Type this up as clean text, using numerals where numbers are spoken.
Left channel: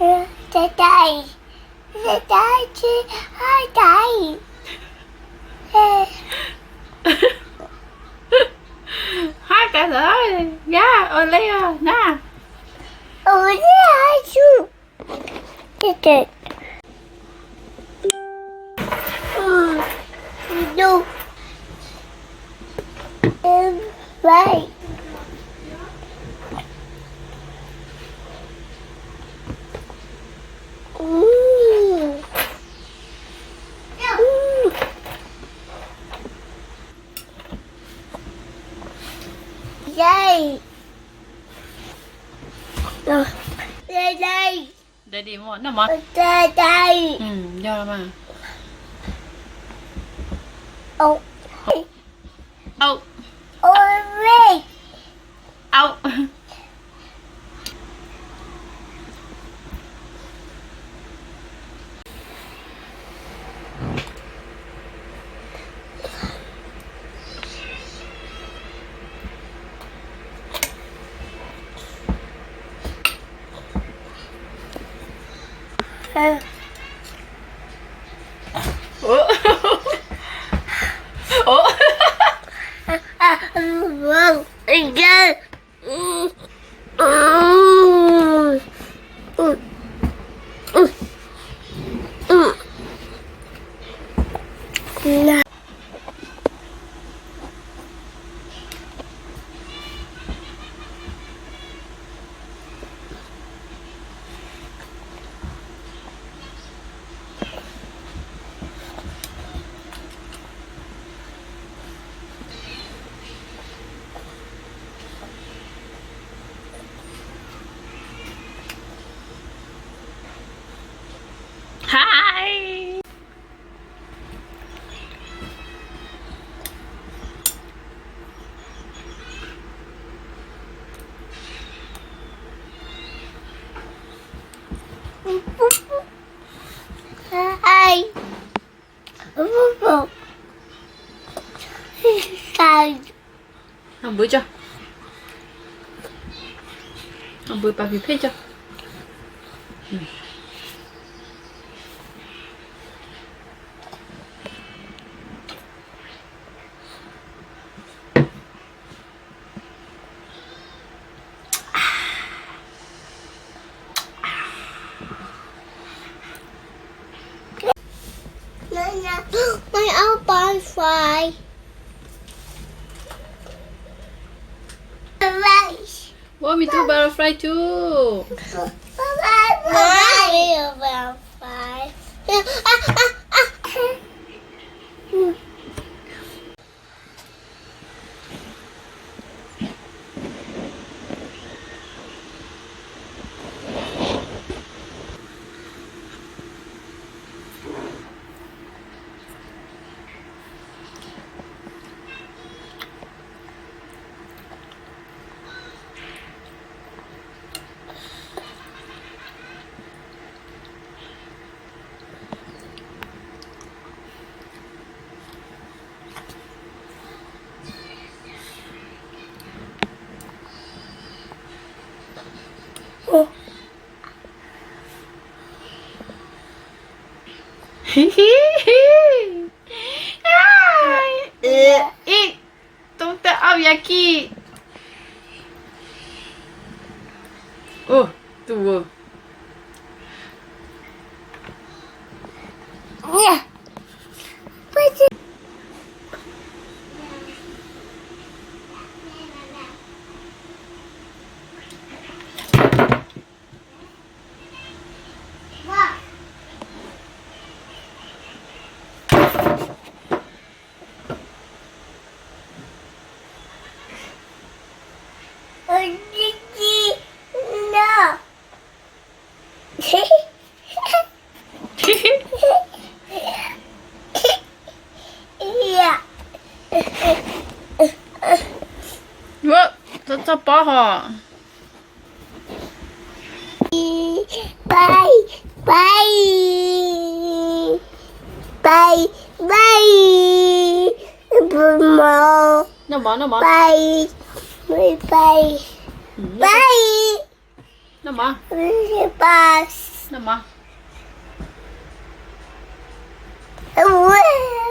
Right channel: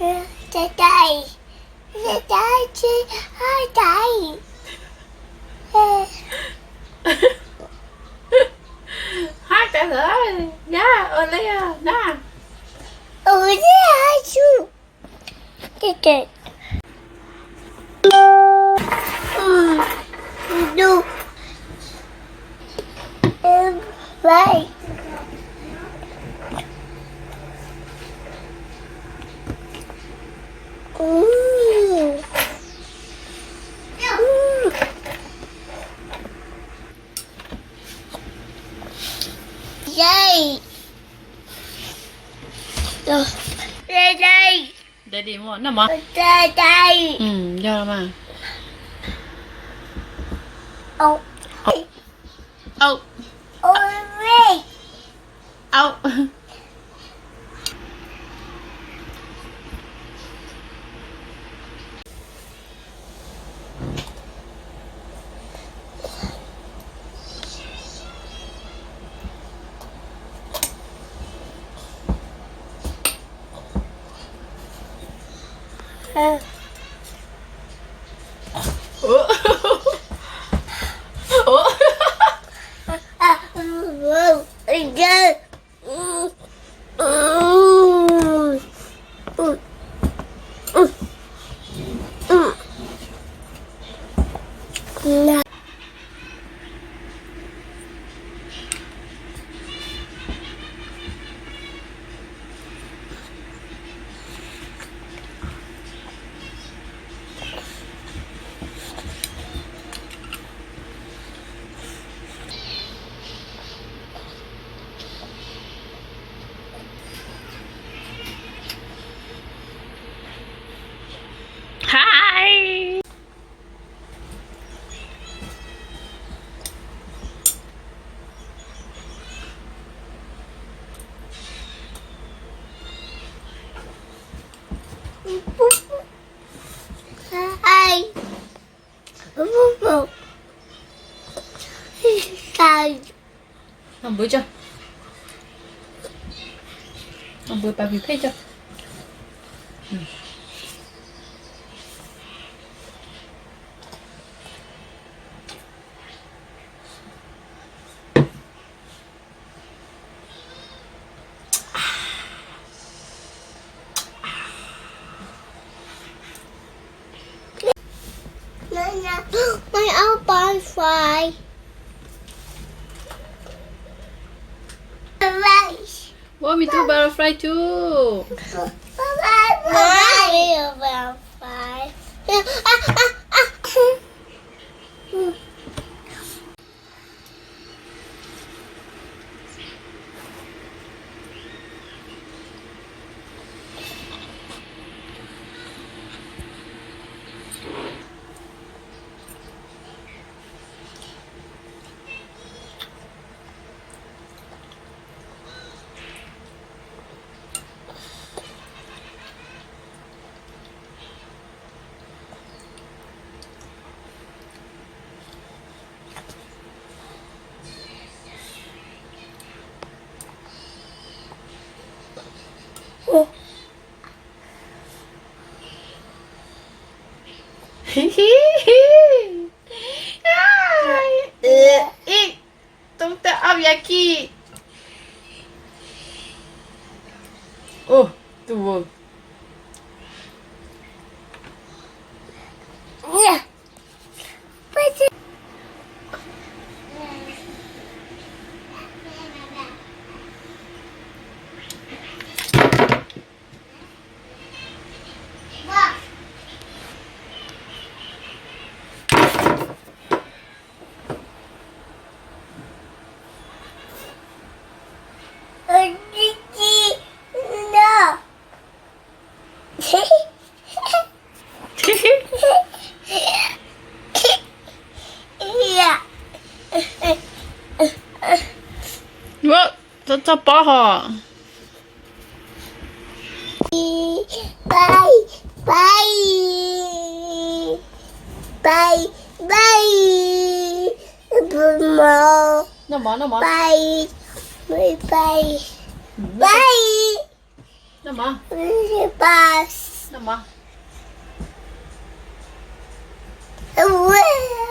Trái cây. Trái cây chứ hai trái. Hai trái rồi. Yeah, Olea, na. Ôi hai chú. Cái kìa. Đâu. Em vậy. Dây. Đây đây. Daddy mo, naman. Đây đây. Yeah naman. Oh. Oh, Ôi. ow. Oh. Wow. Again. Là Hi. ai. Sao Không bữa chưa? Không bữa bà bị phê chưa? my old butterfly. Rice. Want me to butterfly too? Butterfly. Eat. Don't tell Yaki. Oh, tuh. Yeah. But no. Yeah. What? Tetap paha. Bye. Bye. Bye. Bye. Bye. Naman. Bye. Bye. Bye. Bye. Nama. Bus. Nama. Away.